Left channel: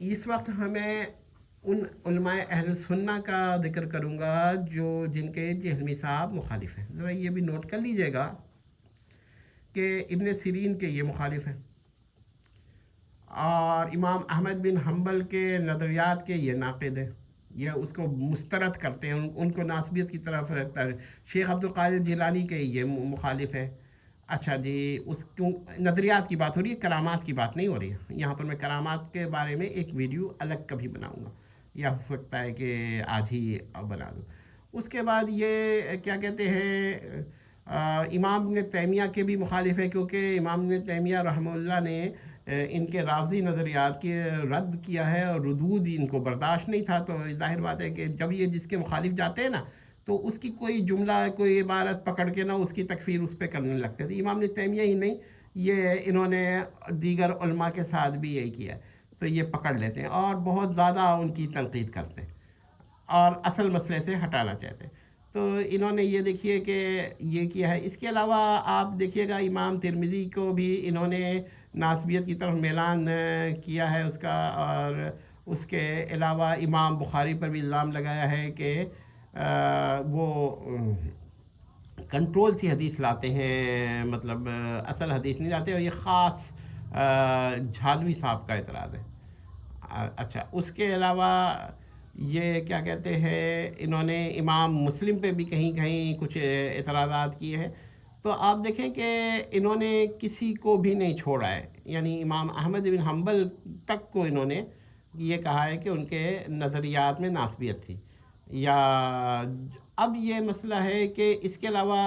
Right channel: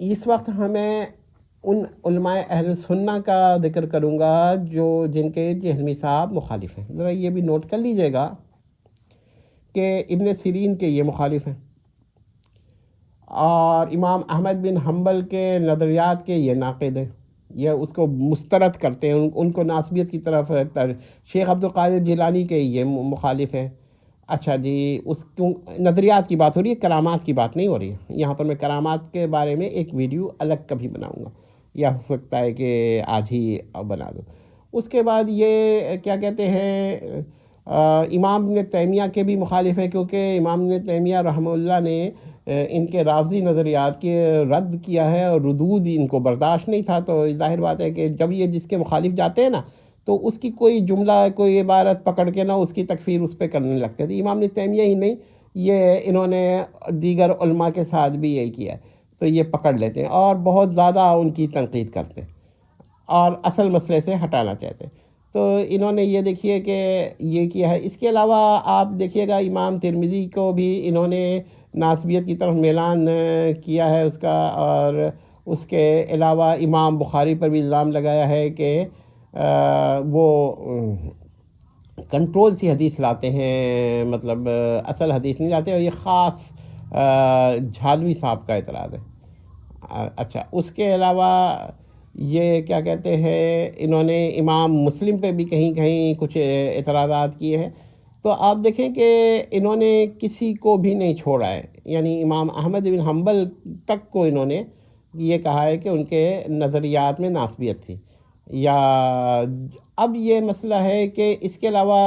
اس وقت ہمیں ان علماء اہل سنہ کا ذکر کروں گا جن کے جہمی صاحب مخالف ہیں. ذرا یہ بھی نوٹ کر لیجئے گا کہ ابن سیرین کے یہ مخالف ہیں، اور امام احمد بن حنبل کے نظریات کے یہ ناقد ہیں، یہ اس کو مسترد کرتے ہیں، ان کو ناسبیت کی طرف شیخ عبد القادر جیلانی کے یہ مخالف ہیں. اچھا جی، اس کیوں نظریات کی بات ہو رہی ہے، کرامات کی بات نہیں ہو رہی ہے. یہاں پر میں کرامات کے بارے میں ایک ویڈیو الگ کبھی بناؤں گا، یا ہو سکتا ہے کہ آج ہی بنا دوں. اس کے بعد یہ کیا کہتے ہیں، امام ابن تیمیہ کے بھی مخالف ہیں، کیونکہ امام ابن تیمیہ رحمہ اللہ نے ان کے رافضی نظریات کے رد کیا ہے، اور ردود ان کو برداشت نہیں تھا. تو ظاہر بات ہے کہ جب یہ جس کے مخالف جاتے ہیں نا، تو اس کی کوئی جملہ کوئی عبارت پکڑ کے نہ اس کی تکفیر اس پہ کرنے لگتے تھے. امام ابن تیمیہ ہی نہیں، یہ انہوں نے دیگر علماء کے ساتھ بھی یہی کیا ہے. تو یہ پکڑ لیتے ہیں اور بہت زیادہ ان کی تنقید کرتے ہیں اور اصل مسئلے سے ہٹانا چاہتے ہیں. تو انہوں نے یہ دیکھیے کہ یہ کیا ہے. اس کے علاوہ آپ دیکھیے گا امام ترمذی کو بھی انہوں نے ناسبیت کی طرف میلان کیا ہے اس کا، اور اس کے علاوہ امام بخاری پر بھی الزام لگایا ہے کہ وہ کنٹرول سی حدیث لاتے ہیں، مطلب اصل حدیث نہیں لاتے، اور یہ خاص جھالوی صاحب کا اعتراض ہے. اچھا، اس کے علاوہ یہ کیا کہتے ہیں، انہوں نے امام مسلم پہ بھی کہیں کہیں کچھ اعتراضات کیے ہیں. تو آپ دیکھیں کہ انہوں نے کسی کو بھی نہیں چھوڑا ہے، یعنی امام احمد بن حنبل تک کو انہوں نے یہ کہا ہے کہ ان کے نظریات میں ناسبیت تھی. یا اب یہ مسئلہ ہے کہ اس کے علاوہ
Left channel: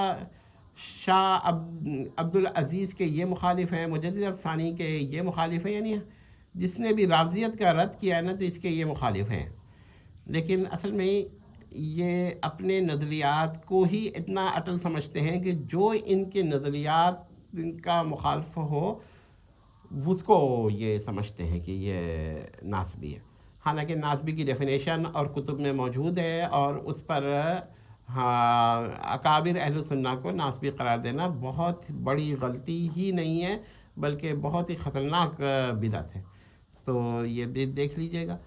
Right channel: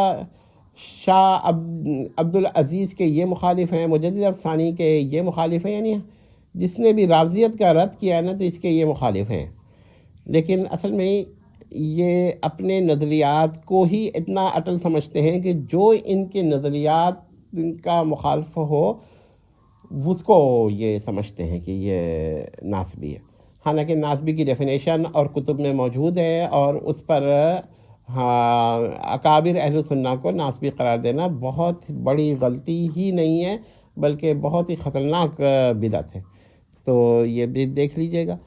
شاہ عبدالعزیز کے یہ مخالف ہیں، مجدد ثانی کے یہ مخالف ہیں، یعنی جس نے بھی رافضیت کا رد کیا ہے نا، تو اس کے یہ مخالف ہیں. لیکن اصل میں یہ اپنے نظریات کو ہی اتنا اٹل سمجھتے ہیں کہ جو ان کے نظریات کا مخالف ہو اس کو یہ سمجھتے ہیں کہ یہ ناسبی ہے. حالانکہ ناسبی کی ڈیفینیشن اور کتب میں موجود ہے، اور اس پر اکابر اہل سنہ کو ناسبی قرار دینا بہت بڑی غلطی ہی نہیں ہے، بلکہ بہت ہی خطرناک بدعت ہے. تو یہ بھی دیکھ لیجئے گا.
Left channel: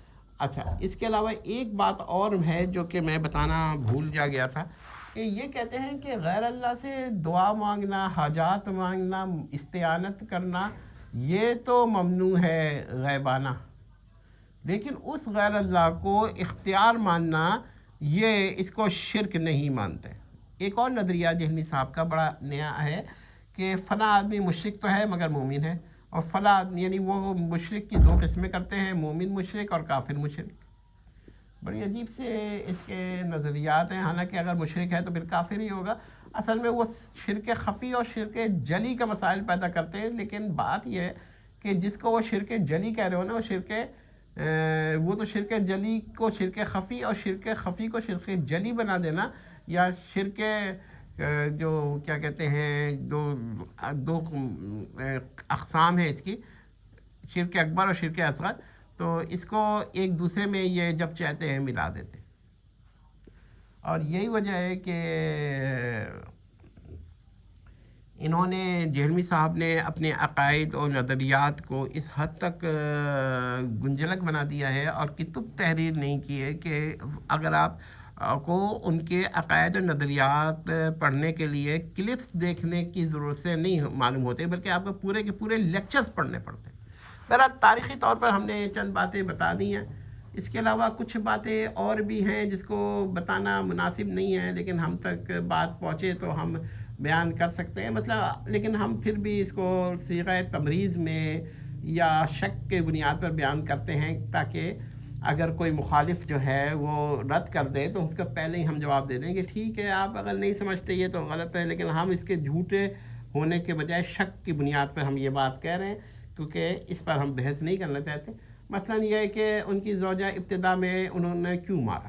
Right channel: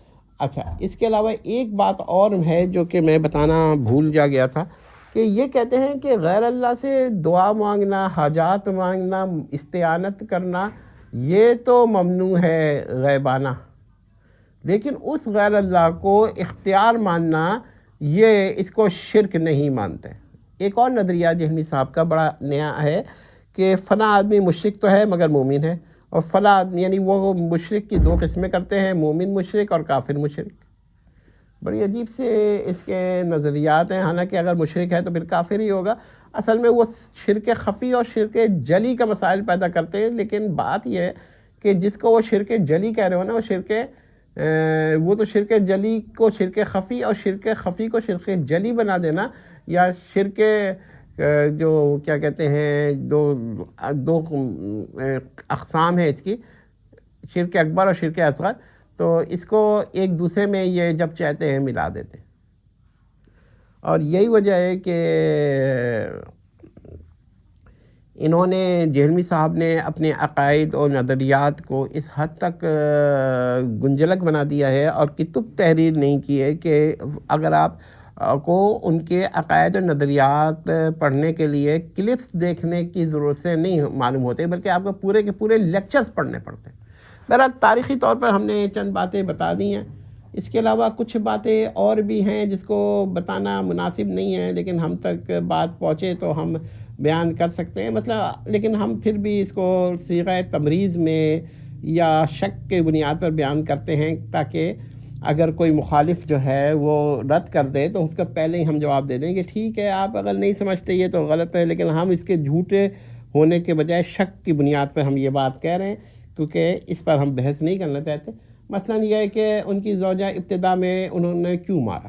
اچھا، اس کے علاوہ ایک بات اور ہے جو کہ میں بتانا بھول جا گیا تھا، کہ یہ کہتے ہیں کہ غیر اللہ سے دعا مانگنا، حاجات مانگنا، استعانت کرنا، یہ تو ممنوع ہے غیبانہ، لیکن اس غیر اللہ کو اختیار ماننا، یہ اس کو شرک نہیں مانتے. ایک اور نظریہ جہمی صاحب کا بڑا نیا ہے کہ فلاں آدمی مشرک تو ہے مگر مومن ہے، اور فلاں آدمی، یعنی وہ مشرک کی دو قسمیں کرتے ہیں، مومن مشرک اور کافر مشرک. بڑی عجیب سے اس کے نظریات ہیں. حالانکہ اگر مشرک ہے تو پھر کافر ہی ہوگا. اصل میں وہ شرک خفی اور شرک جلی کا مسائل پیدا کرتے ہیں. لیکن بات یہ ہے کہ جس کو وہ شرک جلی کہہ رہے ہو نا، وہ تو شرک جلی کو شرک خفی، اور شرک خفی کو شرک جلی بنا دینا، یا شرک جو کیا کہتے ہیں، دو اقسام ہیں اس کی، شرک اکبر اور شرک اصغر. تو اس کو ایک دوسرے میں یہ جب چاہتے ہیں ملا دیتے. اور یہی وجہ ہے کہ انہوں نے، جہلمی صاحب نے اپنے عقائد اور نظریات کو اس حد تک گنجلک بنا دیا ہے، اور کتب تحریر نہیں کی ہے کہ اگر آپ کو ان کے عقائد اور نظریات پڑھنے کے لیے کلپس دیکھنے کی ضرورت سے نہیں معلوم ہوتے، بلکہ آپ کو پورے کے پورے لیکچرز پڑھنے پڑتے ہیں. بہرحال تاریخی طور پر ہم نے چند باتیں بتا دی ہیں. اس کے علاوہ کچھ باتیں اور بھی ہیں جس کو بتانا مناسب نہیں ہے، لیکن ہم تک بات پہنچے تو ہم بیان کر سکتے ہیں. لیکن ہم پھر بھی اس کو صیغہ تمریز میں یا شک کے بنیاد پر بیان کرتے ہیں، تاکہ اگر کوئی مخالف جو ہے وہ رد کر دے تو اس کا پہلے ہی ہم جواب دے دیں کہ ٹھیک ہے، آپ اگر نہیں سمجھتے یہ تو غلط ہے، لیکن ہم اس کے جھوٹے ہونے کے بجائے شک کی بنیاد پر ہم یہ بات کہہ رہے ہیں، کیونکہ اس پر ہم بحث نہیں کرنا چاہتے. مثلا یہ ہے کہ ان کی زوجہ ابتدا میں انہوں نے کیوں مارا،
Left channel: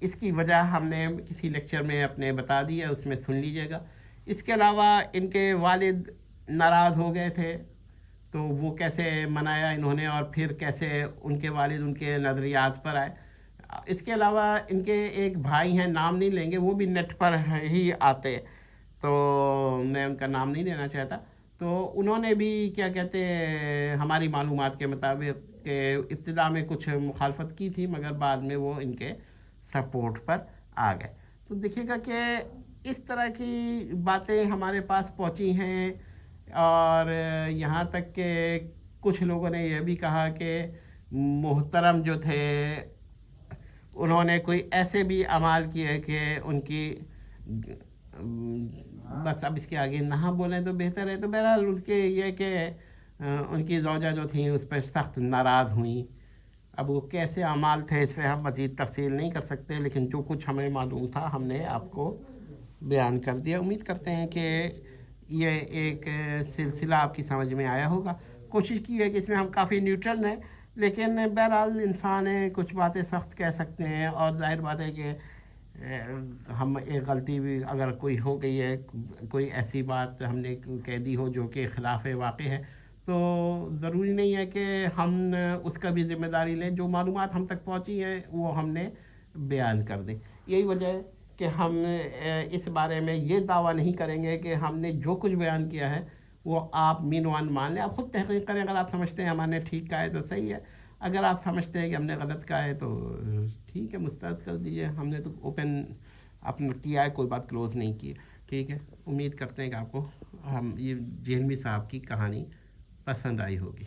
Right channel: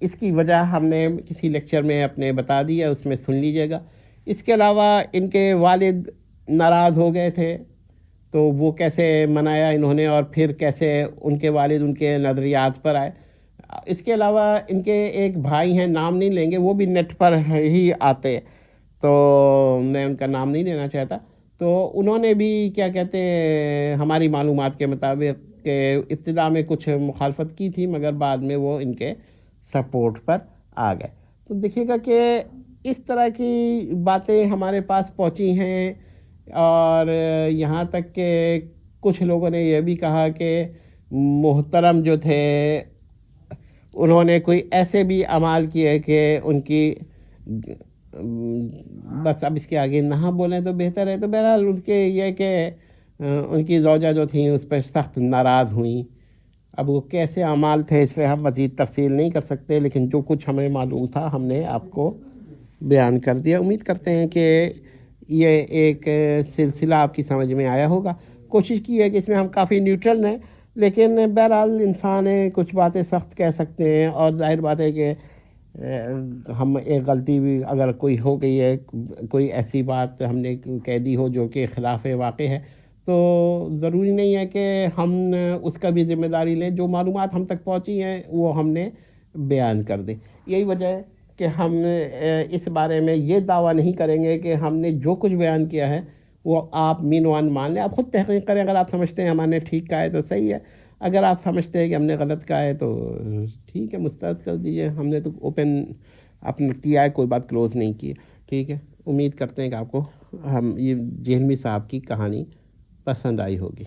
اس کی وجہ ہم نے کسی لیکچر میں اپنے بتا دی ہے، اس میں سن لیجئے گا. اس کے علاوہ ان کے والد ناراض ہو گئے تھے، تو وہ کیسے منایا انہوں نے، اور پھر کیسے ان کے والد ان کے نظریات پر آئے. اس کے علاوہ ان کے ایک بھائی ہیں، نام نہیں لیں گے، وہ بھی نیٹ پر ہی آتے، تو میں ان کا نام نہیں لینا چاہتا. تو انہوں نے بھی کیا کہتے ہیں ہماری معلومات کے مطابق کہ ابتدا میں کچھ مخالفت کی تھی، مگر بعد میں وہ ان کے سپورٹ پر آ گئے۔ تو دیکھیے گا کہ اس طرح کی باتیں ہمارے پاس پہنچی ہیں، اور یہاں تک کہ کچھ لوگوں نے یہ بھی کہا کہ محترم جو تھے انہوں نے کوئی ایسے بھی اعمال کیے کہ ان کی بس اب اس کے آگے نہ بولیں تو بہتر ہے۔ تو بہرحال ان کے یہ کہ ان کی زوجہ جو تھیں اس پر سخت ناراض ہوئیں۔ اب وہ کیسے اعمال تھے اس پہ ہم مزید تفصیل نہیں کر سکتے، لیکن جو کچھ ہمیں معلوم تھا ہم نے آپ کو بیان کر دیا۔ امید کرتے ہیں کہ یہ ایک سلسلہ آپ کی سمجھ میں آیا ہوگا۔ کوشش کی ہے کہ اس میں ہم کافی نیوٹرل ہیں، لیکن بہرحال انسان ہے، کچھ باتیں سخت کہہ سکتے ہیں، اور ظاہر بات ہے کہ ہم ایک غلطی بھی اگر کوئی ہو گئی ہے، کوئی ایسی بات ہم نے کہہ دی ہو جو کہ خلاف واقع ہے، تو ضروری نہیں ہے کہ ہم اس کا بھی ذمہ داری لیں۔ جو معلومات ہم تک پہنچی ہیں وہ ہم نے بیان کر دیں۔ یہی وجہ ہے کہ ہم اس بارے میں یہ دعویٰ نہیں کریں گے کہ ہم نے جو کچھ بیان کیا ہے وہ آپ مین وان مان لیں۔ آپ خود تحقیق کریں، اگر آپ سمجھتے ہیں ہم نے ٹھیک کہا ہے تو صحیح ہے، اگر آپ سمجھتے ہیں کہ ہم نے غلط کہا ہے تو ٹھیک ہے، مسترد کر دیجیے۔ ہم نے تو اوپن اپنا کیا ہے، کوئی بات کلوز نہیں کی ہے، ٹھیک ہے۔ امید کرتے ہیں کہ آپ کو ہم یہ جہلمی صاحب کی کہانی پسند آئی ہوگی۔